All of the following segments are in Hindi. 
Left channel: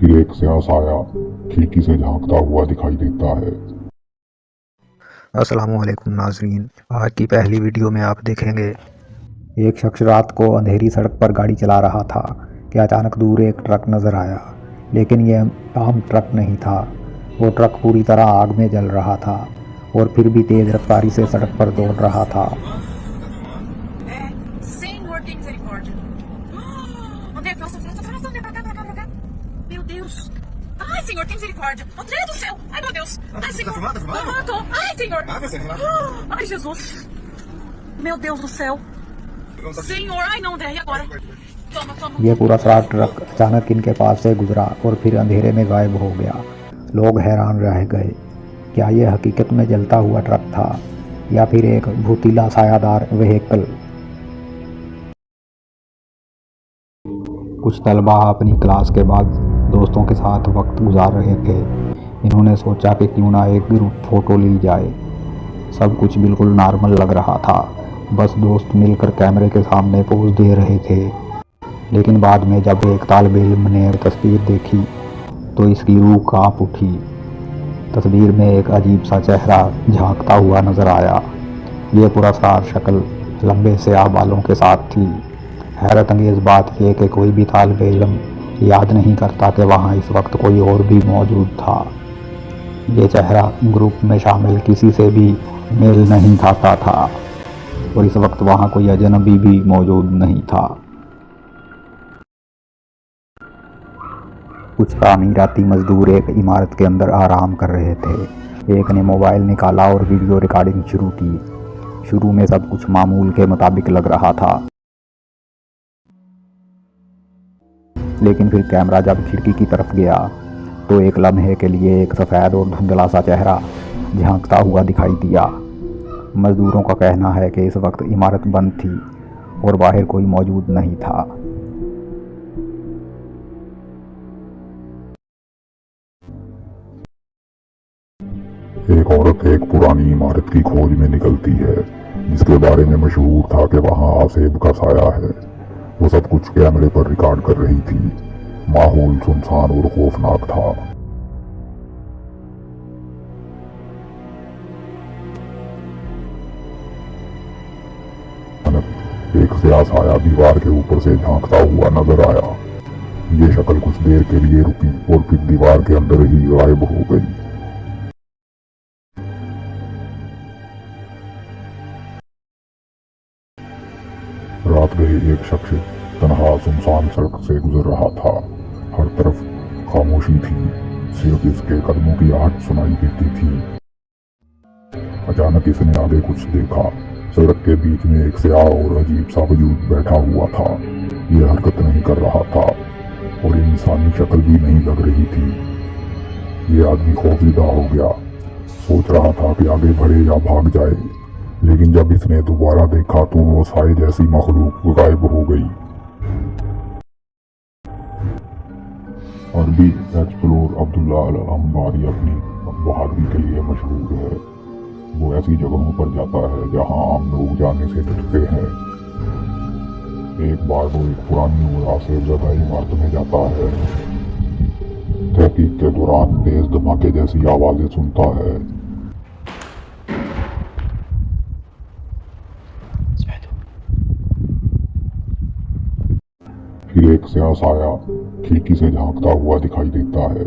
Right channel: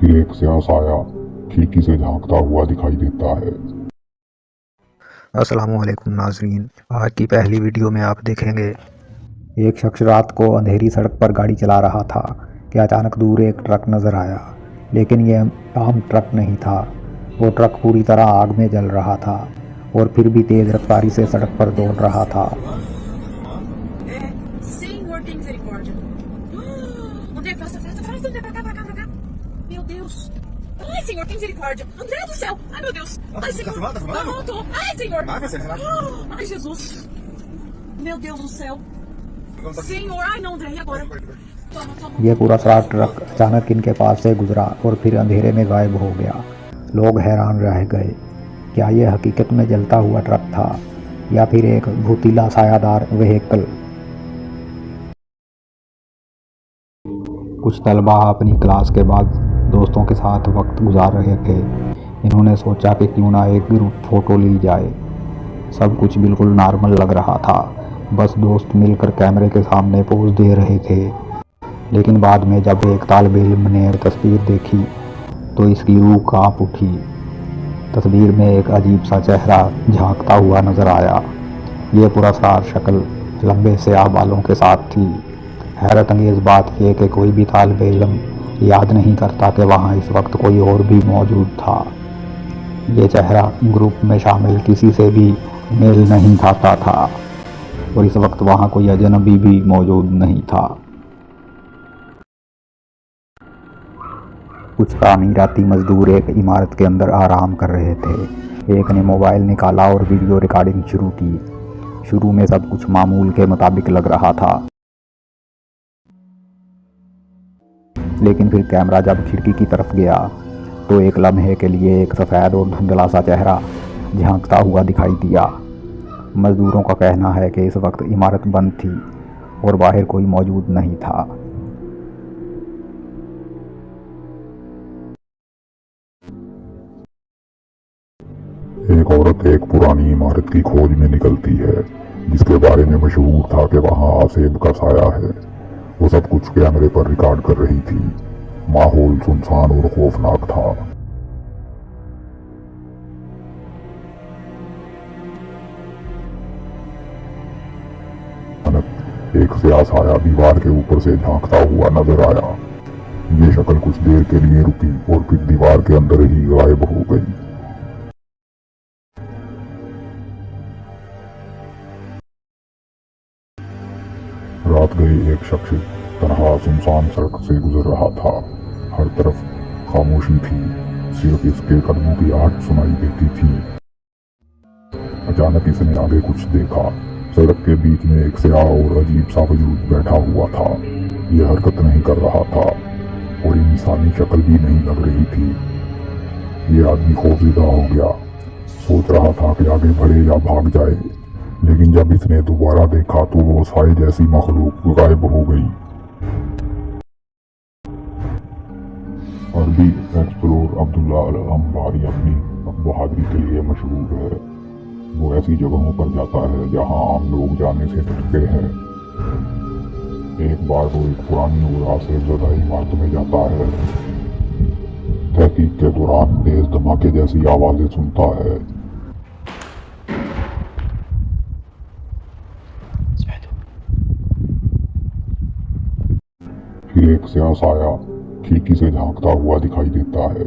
फिर एक स्याह साया खिड़की से झांकता हुआ दिखाई देता है। अस्सलामुअलैकुम नाजरीन, आज की पहली वीडियो में आप देखेंगे एक शख्स रात को अंधेरी सड़क पर गाड़ी चला रहा था कि अचानक दूर एक ट्रक नज़र आया। लेकिन यह आम ट्रक नहीं था। वो ट्रक पूरी तरह आग में जल रहा था और फिर भी तेज़ रफ्तारी से सड़क पर दौड़ रहा था। Senhor, tem misericórdia. André, faça, André, pra cá. Meu Deus. Ai, Senhor, tem misericórdia. André do céu. Ai, meu Deus. Ai, Senhor. Tá filmando? Tô. Ai, Senhor. Vai, você, relaxa. Ai, Jesus. Meu Deus do céu. Senhor, ai não, André, e agora? Toma. यह पूरा सारा ट्रक अचानक इनके पास से गुजरा और फिर अंधेरे में गायब हो गया। लोग हैरान रह गए। क्या यह हकीकत में जलता हुआ ट्रक था या फिर एक भूतीला सायादार व्हीकल? कुछ तलबा अपनी क्लास के बाद दोस्तों के साथ वक्त गुजार रहे थे। इन्होंने सोचा कि क्यों ना एक ग्रुप फोटो ली जाए। सब कुछ बिल्कुल नॉर्मल लग रहा था, बस दोस्त मिलकर कैमरे के सामने पोज दे रहे थे। लेकिन बाद में जब एक तालिब इल्म ने तस्वीर देखी तो इसकी रूह कांप उठी। तस्वीर में एक अजीब सा चेहरा झांकता हुआ नजर आया। ये पुरस्कार शक्ल लंबे स्याह बालों के साथ थी। हैरत अंगेज़ बात यह कि कोई भी तालिब इल्म याद नहीं करता कि वहाँ इस वक्त कोई और भी मौजूद था। ये चेहरा ग्रुप में शामिल किसी से भी मेल नहीं खाता था और इस वक्त वहाँ कोई अजनबी भी मौजूद नहीं था। कुछ तामीराती मजदूर एक इमारत के अंदर आराम कर रहे थे। एक ने मोबाइल निकाला और वीडियो रिकॉर्डिंग शुरू की। शुरू में सब कुछ मामूल के मुताबिक लग रहा था, लेकिन फिर कैमरा जब खिड़की की तरफ गया तो एक लम्हे के लिए एक सफ़ेद और धुंधला सा चेहरा झांकता हुआ दिखाई दिया। मजदूरों का कहना है कि इस वक्त इमारत बंद थी और बाहर कोई मौजूद नहीं था। एक औरत एक पुरानी इमारत की खोज में निकलती है जिसके बारे में मशहूर था कि वहाँ आसेब का साया है। वो सब कुछ कैमरे पर रिकॉर्ड कर रही थी। माहौल सुनसान और खौफनाक था। एक स्याह साया दीवार के ऊपर से झांकता हुआ नजर आया। ये शक्ल कुछ देर के लिए रुकी और फिर दीवार के अंदर ही गायब हो गई। रात गए एक शख्स तन्हा सुनसान सड़क से गुजर रहा था। हर तरफ खामोशी थी, सिर्फ इसके कदमों की आहट सुनाई देती थी। अचानक इसने आगे कुछ देखा। सड़क के बीच में एक स्याह और अजीब सा वजूद बैठा हुआ था। यह हरकत नहीं कर रहा था और इंसानी शक्ल भी नहीं लग रही थी। यह आदमी खौफजदा हो गया। सोच रहा था कि आगे बढ़े या भाग जाए, लेकिन जब इसने दोबारा देखा तो वो साए जैसी मखलूक गायब हो गई। अरबी एक्सप्लोर अब्दुल्ला अल अंबारी अपनी बहादुरी के लिए मशहूर है। वो ऐसी जगहों पर जाता है जहां आम लोग जाने से डरते हैं। एक बार वो एक पुरानी से ज़्यादा इमारत में जाता है। तहकीक के दौरान तेज धमाके जैसी आवाजें सुनता है। फिर एक स्याह साया खिड़की से झांकता हुआ दिखाई देता है।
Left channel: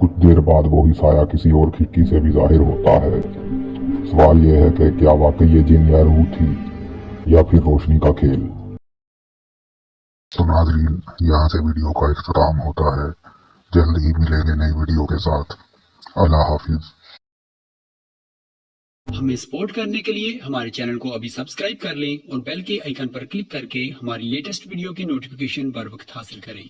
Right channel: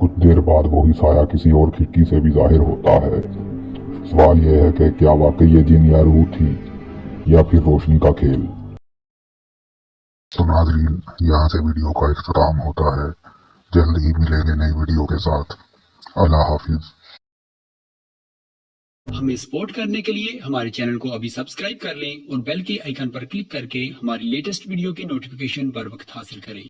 कुछ देर बाद वही साया किसी और खिड़की से भी जाहिर होता है। सवाल यह है कि क्या वाकई ये जिन या रूह थी या फिर रोशनी का खेल। तो नाज़रीन, यहाँ से वीडियो का इख्तिताम होता है। जल्द ही मिलेंगे नई वीडियो के साथ। अल्लाह हाफिज। हमें सपोर्ट करने के लिए हमारे चैनल को अभी सब्सक्राइब कर लें और बेल के आइकन पर क्लिक करके हमारी लेटेस्ट वीडियो की नोटिफिकेशन पर वक्त हासिल करें।